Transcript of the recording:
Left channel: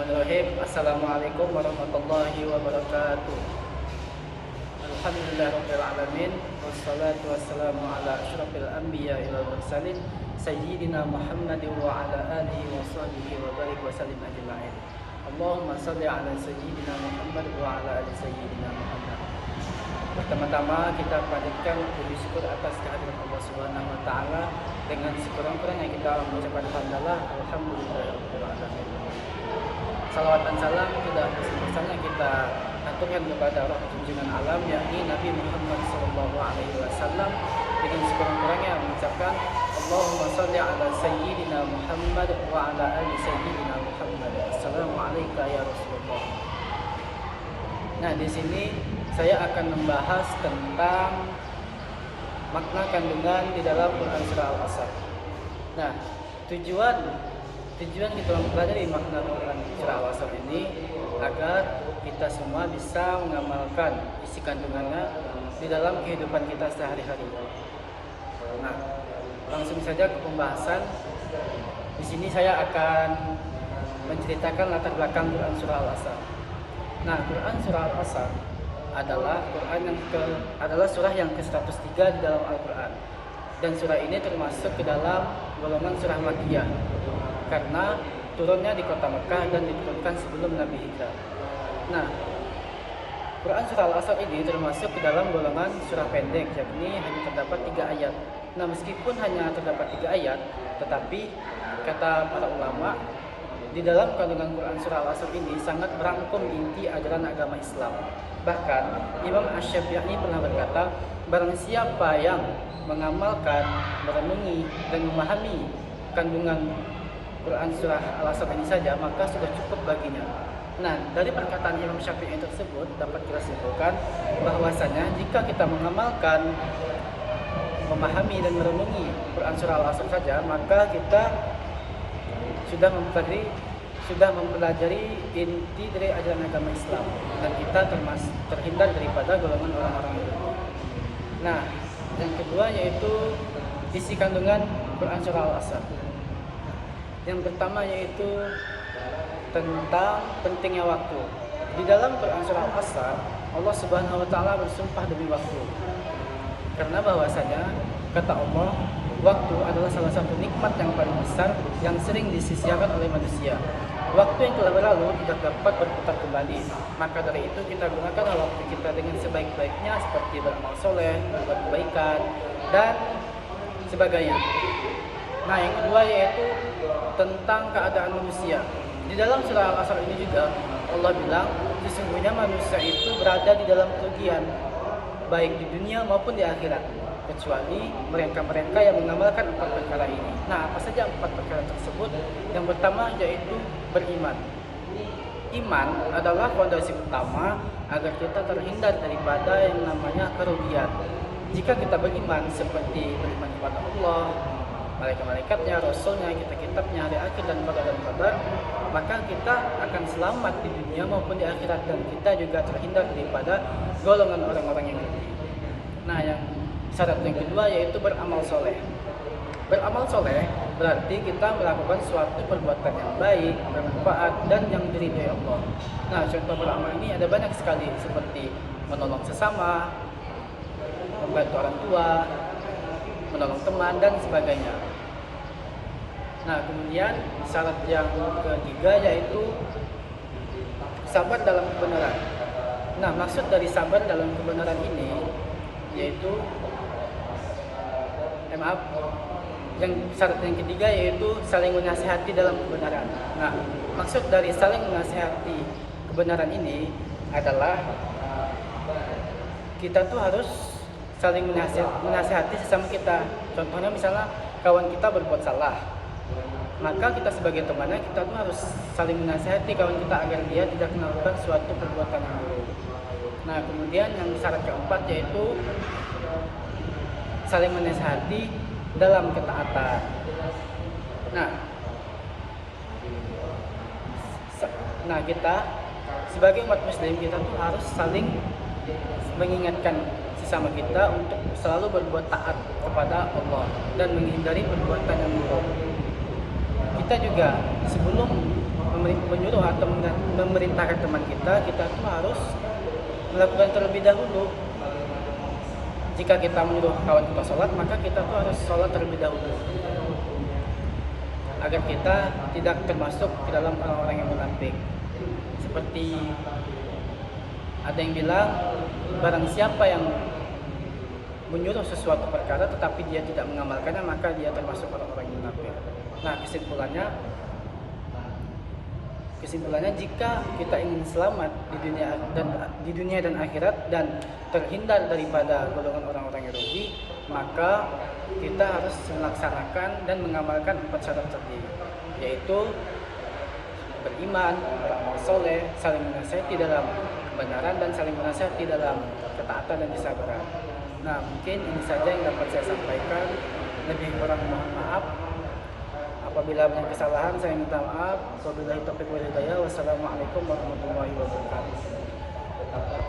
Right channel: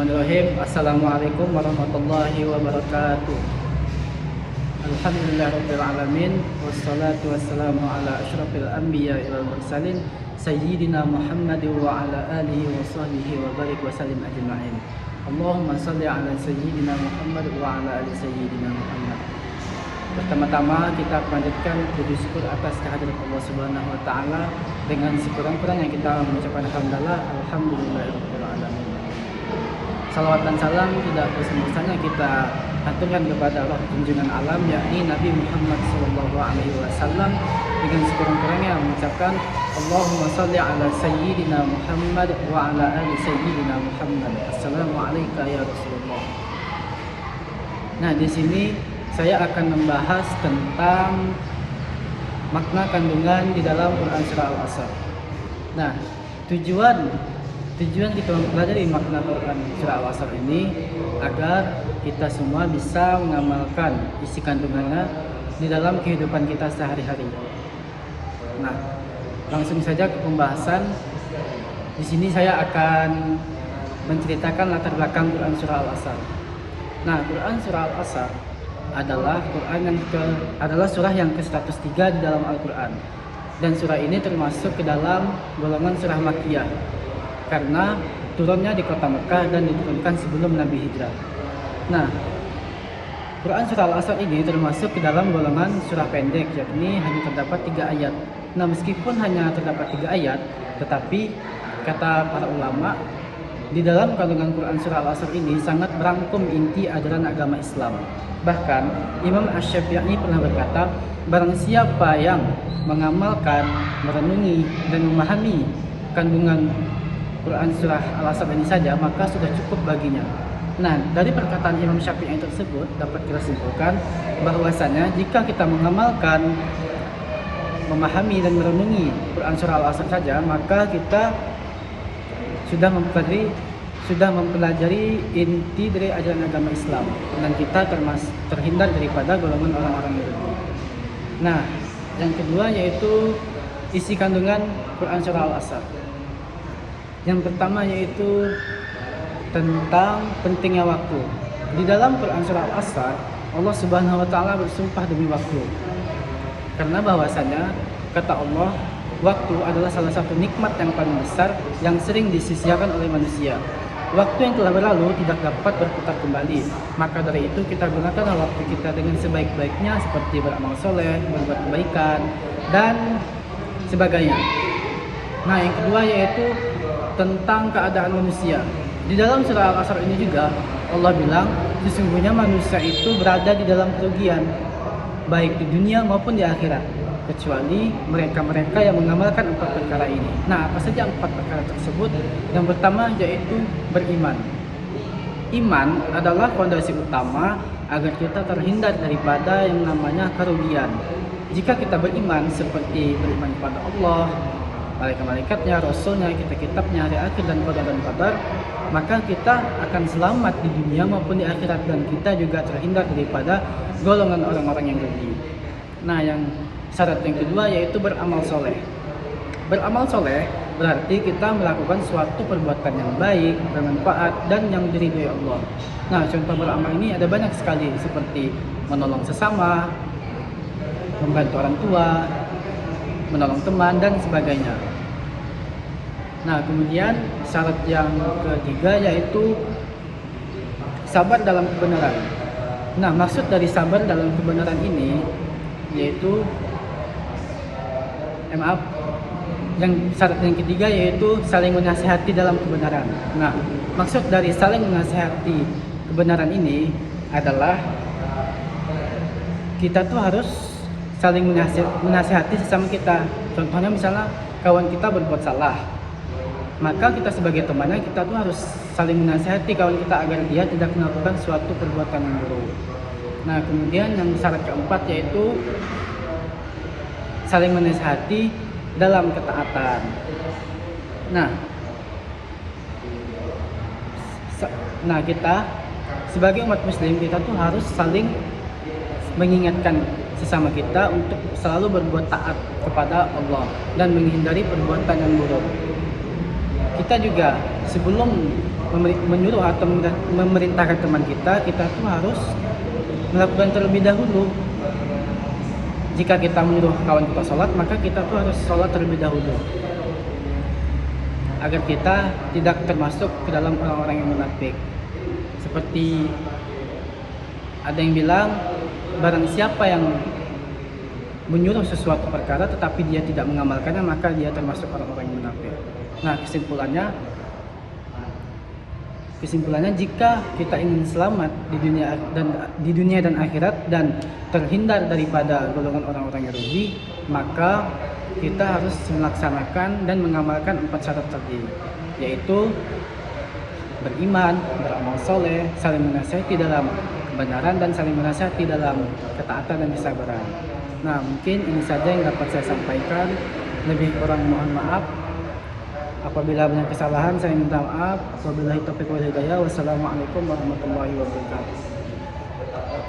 Bismillahirrahmanirrahim. Assalamualaikum warahmatullahi wabarakatuh. Alhamdulillahirabbil alamin wassalatu wassalamu ala asyrafil anbiya'i wal mursalin sayyidina Muhammad wa ala alihi wa sahbihi wa barik wa sallim ajma'in. Allahumma shalli ala sayyidina Muhammad wa ala ali sayyidina Muhammad. Pertama-tama kita panjatkan puji syukur atas kehadirat Allah Subhanahu wa taala. Dengan sekurang-kurangnya kita mengucapkan alhamdulillahirabbil alamin. Salawat dan salam tidak terus-terusannya kita haturkan kepada Allah junjungan alam, yakni Nabi Muhammad SAW, dengan sekurang-kurangnya mengucapkan Allahumma shalli ala sayyidina Muhammad wa ala ali sayyidina Muhammad. Assalamualaikum ya Rasulullah. Nah, di sini saya akan membahas tentang makna kandungan di dalam Quran surah Al-Asr. Nah, tujuan kita mempelajari makna Quran surah Al-Asr ini agar kita semua bisa mengamalkan isi kandungannya di dalam kehidupan kita sehari-hari. Nah, langsung saja ke pembahasan. Di sini saya akan menceritakan latar belakang Quran surah Al-Asr. Nah, Quran surah Al-Asr adalah surah yang ke-103 di dalam Al-Quran. Dan surah ini termasuk ke dalam golongan surah Makkiyah, karena turunnya di kota Mekah dan diturunkan sebelum Nabi hijrah. Nah, Quran surah Al-Asr ini termasuk ke dalam golongan surah pendek, yakni hanya terdapat 3 ayat. Nah, meskipun hanya terdapat 3 ayat, tetapi kata para ulama, di dalam kandungan Quran surah Al-Asr ini sangat merangkum inti ajaran agama Islam. Bahkan Imam Asy-Syafi'i pernah berkata, barang siapa yang mengamalkan, merenungi, dan memahami kandungan Quran surah Al-Asr ini saja, maka sudah cukup baginya. Nah, dari perkataan Imam Syafi'i tersebut dapat kita simpulkan bahwasanya jika kita mengamalkan, memahami dan merenungi Quran surah Al-Asr saja, maka kita sudah mempelajari inti dari ajaran agama Islam, dan kita terhindar daripada golongan orang-orang Yahudi. Nah, yang kedua yaitu isi kandungan Quran surah Al-Asr. Yang pertama yaitu tentang pentingnya waktu. Di dalam Quran surah Al-Asr, Allah Subhanahu wa taala bersumpah demi waktu. Karena bahwasanya kata Allah, waktu adalah salah satu nikmat yang paling besar yang sering disia-siakan oleh manusia. Waktu yang telah berlalu tidak dapat berputar kembali. Maka dari itu kita gunakanlah waktu kita dengan sebaik-baiknya, seperti beramal soleh, berbuat kebaikan, dan sebagainya. Nah, yang kedua yaitu tentang keadaan manusia. Di dalam surah Al-Asr ini juga Allah bilang, sesungguhnya manusia itu berada di dalam kerugian, baik di dunia maupun di akhirat, kecuali mereka-mereka yang mengamalkan 4 perkara ini. Nah, apa saja 4 perkara tersebut? Yang pertama yaitu beriman. Iman adalah fondasi utama agar kita terhindar daripada yang namanya kerugian. Jika kita beriman, seperti beriman kepada Allah, malaikat-malaikatnya, rasulnya, kitab-kitabnya, hari akhir, dan qadar, maka kita akan selamat di dunia maupun di akhirat, dan kita juga terhindar daripada golongan orang-orang yang rugi. Nah, yang syarat yang kedua yaitu beramal soleh. Beramal soleh berarti kita melakukan suatu perbuatan yang baik, bermanfaat, dan yang diridhoi Allah. Nah, contoh beramal ini ada banyak sekali, seperti menolong sesama, membantu orang tua, menolong teman, dan sebagainya. Nah, kemudian syarat yang ketiga yaitu sabar dalam kebenaran. Nah, maksud dari sabar dalam kebenaran ini yaitu yang syarat yang ketiga yaitu saling menasihati dalam kebenaran. Nah, maksud dari saling menasihati kebenaran ini adalah kita tuh harus saling menasihati sesama kita. Contohnya misalnya kawan kita berbuat salah, maka kita sebagai temannya kita tuh harus saling menasihati kawan kita agar dia tidak melakukan suatu perbuatan yang buruk. Nah, kemudian yang syarat keempat yaitu saling menasihati dalam ketaatan. Nah, kita sebagai umat muslim kita tuh harus saling mengingatkan sesama kita untuk selalu berbuat taat kepada Allah dan menghindari perbuatan yang buruk. Kita juga sebelum menyuruh atau memerintahkan teman kita, kita tuh harus melakukan terlebih dahulu. Jika kita menyuruh kawan kita sholat, maka kita tuh harus sholat terlebih dahulu, agar kita tidak termasuk ke dalam orang-orang yang munafik. Seperti ada yang bilang, barang siapa yang menyuruh sesuatu perkara tetapi dia tidak mengamalkannya, maka dia termasuk orang-orang yang munafik. Nah, kesimpulannya jika kita ingin selamat di dunia dan akhirat dan terhindar daripada golongan orang-orang yang rugi, maka kita harus melaksanakan dan mengamalkan 4 syarat tadi, yaitu beriman, beramal soleh, saling menasihati dalam kebenaran, dan saling menasihati dalam ketaatan dan kesabaran. Nah, mungkin ini saja yang dapat saya sampaikan. Lebih kurang mohon maaf. Apabila banyak kesalahan, saya minta maaf. Wabillahi taufiq wal hidayah. Wassalamualaikum warahmatullahi wabarakatuh.